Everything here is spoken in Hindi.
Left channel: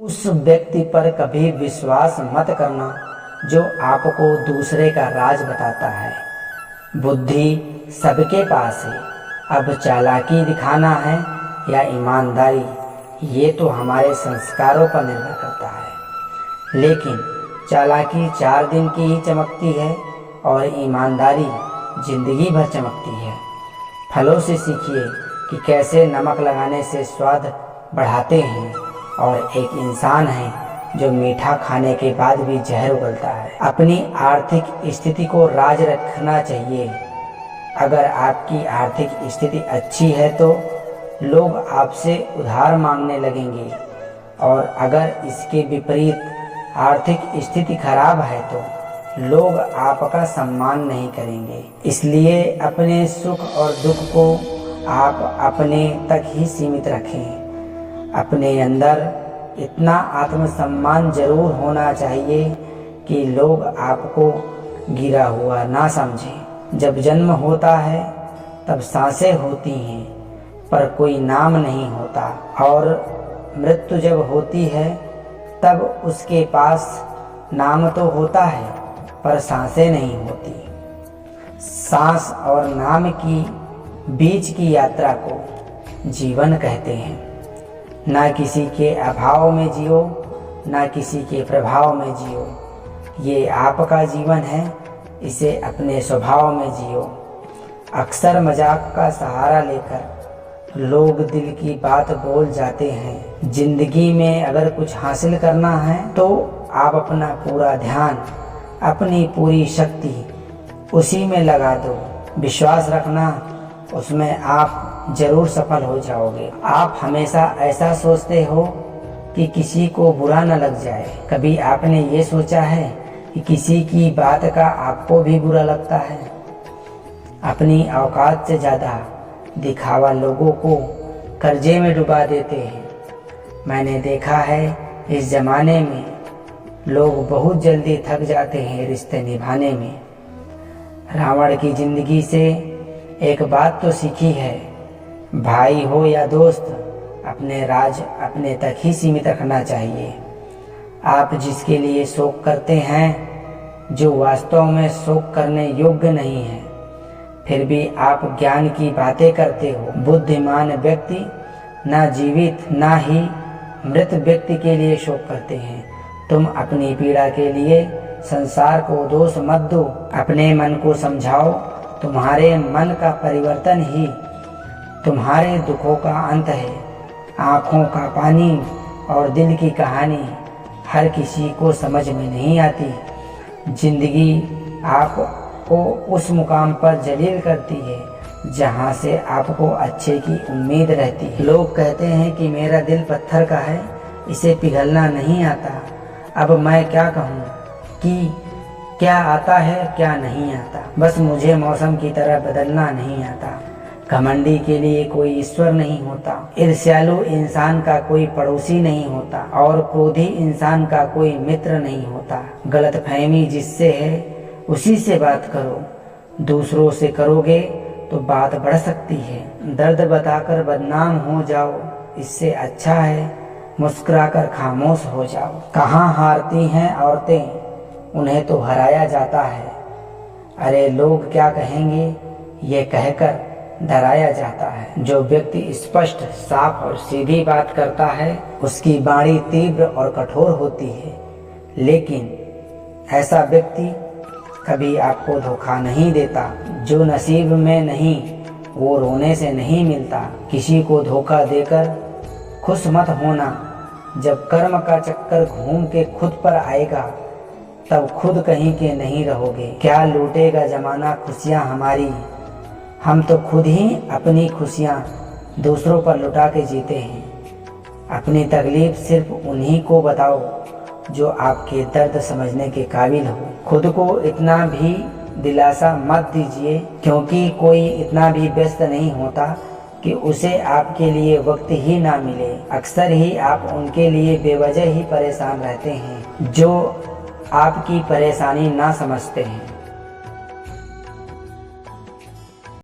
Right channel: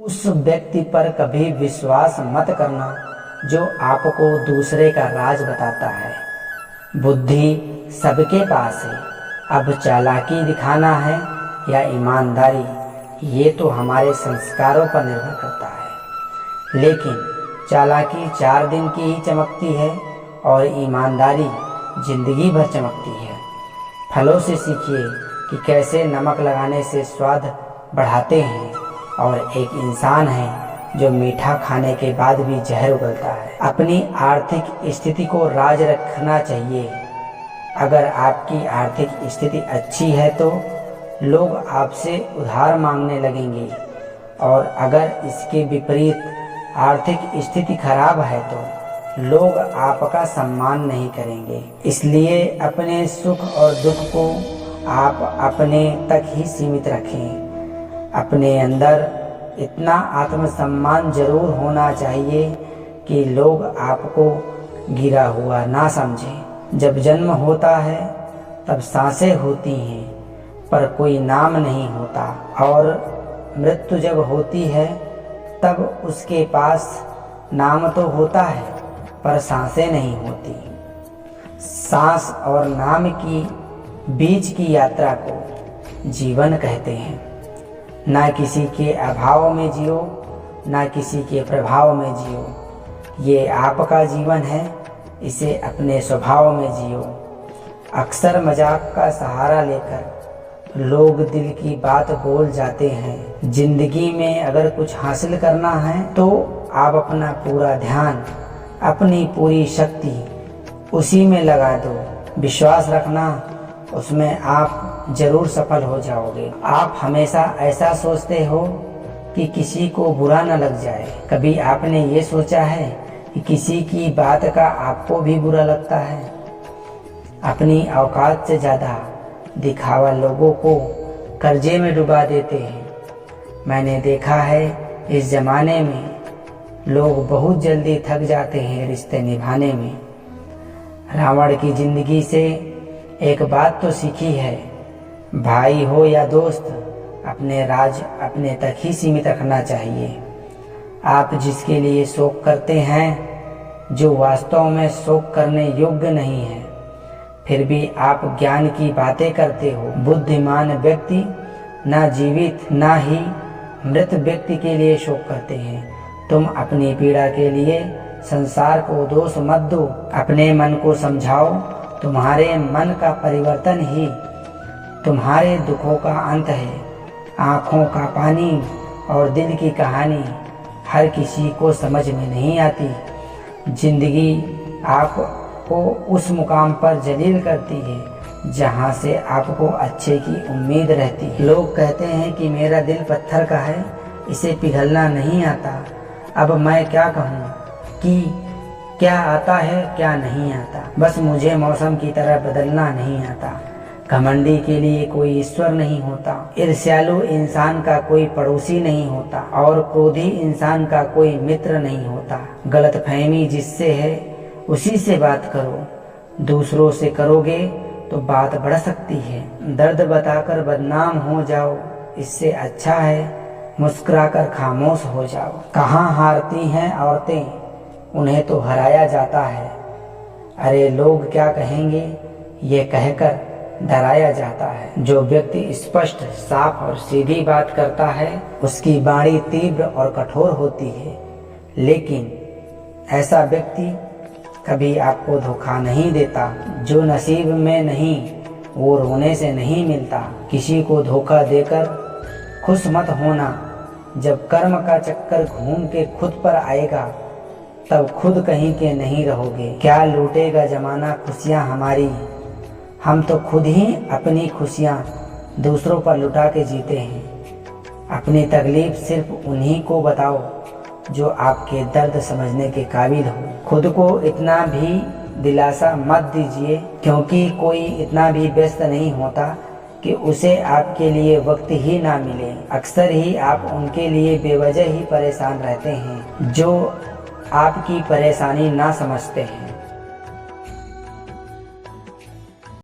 उस व्यक्ति पर कभी विश्वास मत करना जो आपको दूसरे का राज बताता है। बुद्धि सबके पास है, अब चालाकी दिखाना है या ईमानदारी, ये तो हमारे संस्कारों पर निर्भर करता है। लेकिन चालाकी 4 दिन की ही चमकती है और ईमानदारी जिंदगी भर चमकती है। फलों से सीखिए कि कैसे नमक लगाने से स्वाद बढ़ाते हैं, और एक इंसान है जो मीठा खाने के बाद भी जहर उगलता है। अपनी आर्थिक स्थिति को राज रखना चाहिए। अगर आपकी आर्थिक स्थिति अच्छी है तो लोग आपसे उधार मांगने लगेंगे, और अगर इसके विपरीत आर्थिक स्थिति खराब है तो लोग आपका सम्मान नहीं करेंगे। इसलिए अपने सुख और दुख को आप अपने तक ही सीमित रखें। अपने अंदर इतना आत्मसम्मान जरूर होना चाहिए कि लोग आपको गिरा हुआ ना समझें। जब जन्म होता है तब सांसें होती हैं पर कोई नाम नहीं होता, और मृत्यु जब होती है तब उसके पास नाम तो होता है पर सांसें नहीं होती। सांस और नाम की बीच की यात्रा को जीवन कहते हैं। ना किसी के अभाव में जियो, ना किसी के प्रभाव में जियो। ये आपका जीवन है, इसे अपने स्वभाव में जियो। अक्सर मजाक का सहारा लेकर लोग दिल की बात बोल जाते हैं। जिंदगी में अगर कुछ हासिल करना है तो आप अपना पूरा ध्यान, अपनी पूरी शक्ति उसी में लगा दो। विश्वास रखना, उसमें आप जरूर सफल हो जाओगे। आप हमेशा ऐसा सोचते हो कि किसी को बुरा न लग जाए। कभी आपने ये सोचा है कि किसी की बात का आपको भी बुरा लगता है? अपनी औकात से ज़्यादा दिखावा लोगों को कर्जे में डुबा देते हैं। मैंने देखा है इस ज़माने में लोग बहुत जल्दी थक जाते हैं रिश्ते निभाने में। रावण की ज़िंदगी से एक बात तो सीखी है, भाई हो या दोस्त, अपने राज अपने तक ही सीमित रखना चाहिए। आप जिसके लिए शोक करते हैं जो वास्तव में शोक करने योग्य नहीं है, फिर भी आप ज्ञान की बातें करते हो। बुद्धिमान व्यक्ति ना जीवित ना ही मृत व्यक्ति के लिए शोक करते हैं। तुम अपनी पीड़ा के लिए संसार को दोष मत दो। अपने मन को समझाओ, तुम्हारे मन का परिवर्तन ही तुम्हारे दुखों का अंत है। आँखों का पानी और दिल की कहानी हर किसी को समझ में नहीं आती। जिंदगी आपको उस मुकाम पर जलील करती है जहाँ से आपको अच्छे की उम्मीद रहती है। लोग कहते हैं कि मेरा दिल पत्थर का है, इसे पिघलना नहीं आता। अब मैं क्या कहूँ कि क्या आता है क्या नहीं आता। बस मुझे मौसम की तरह बदलना नहीं आता। घमंडी के लिए कोई ईश्वर नहीं होता, ईर्ष्यालु इंसान का कोई पड़ोसी नहीं होता, और क्रोधी इंसान का कोई मित्र नहीं होता। गलतफहमी जिससे है उसी से बात करो। दूसरों से करोगे तो बात बढ़ सकती है। दर्द बताकर बदनाम हो जाओ, इससे अच्छा है मुस्कुराकर खामोश हो जाओ। कहाँ हारती हैं औरतें, उन्हें तो हराया जाता है। अरे लोग क्या कहेंगे, ये कहकर डराया जाता है। जो व्यक्ति स्पष्ट, साफ और सीधी बात करता है उसकी वाणी तीव्र और कठोर होती है। लेकिन ऐसा व्यक्ति कभी आपको धोखा नहीं देता। जो नसीब में नहीं वो रोने से नहीं मिलता। किसी को धोखा देकर खुश मत होना। जब कर्म का चक्कर घूम के खुद पर आएगा तब खुद कहीं के नहीं रहोगे। क्या लूटेगा जमाना खुशियाँ हमारी, हम तो खुद ही अपनी खुशियाँ दूसरों पर लुटा के जीते हैं। अपनी तकलीफ सिर्फ उन्हीं को बताओ जो आपके दर्द समझने के काबिल हो। खुद को इतना भी दिलासा मत दीजिए, क्योंकि कोई इतना भी व्यस्त नहीं होता कि उसे आपके लिए वक्त ही ना मिले। अक्सर ही आप उनके लिए बेवजह ही परेशान रहते हैं जो आपकी परेशानी ना समझते हैं।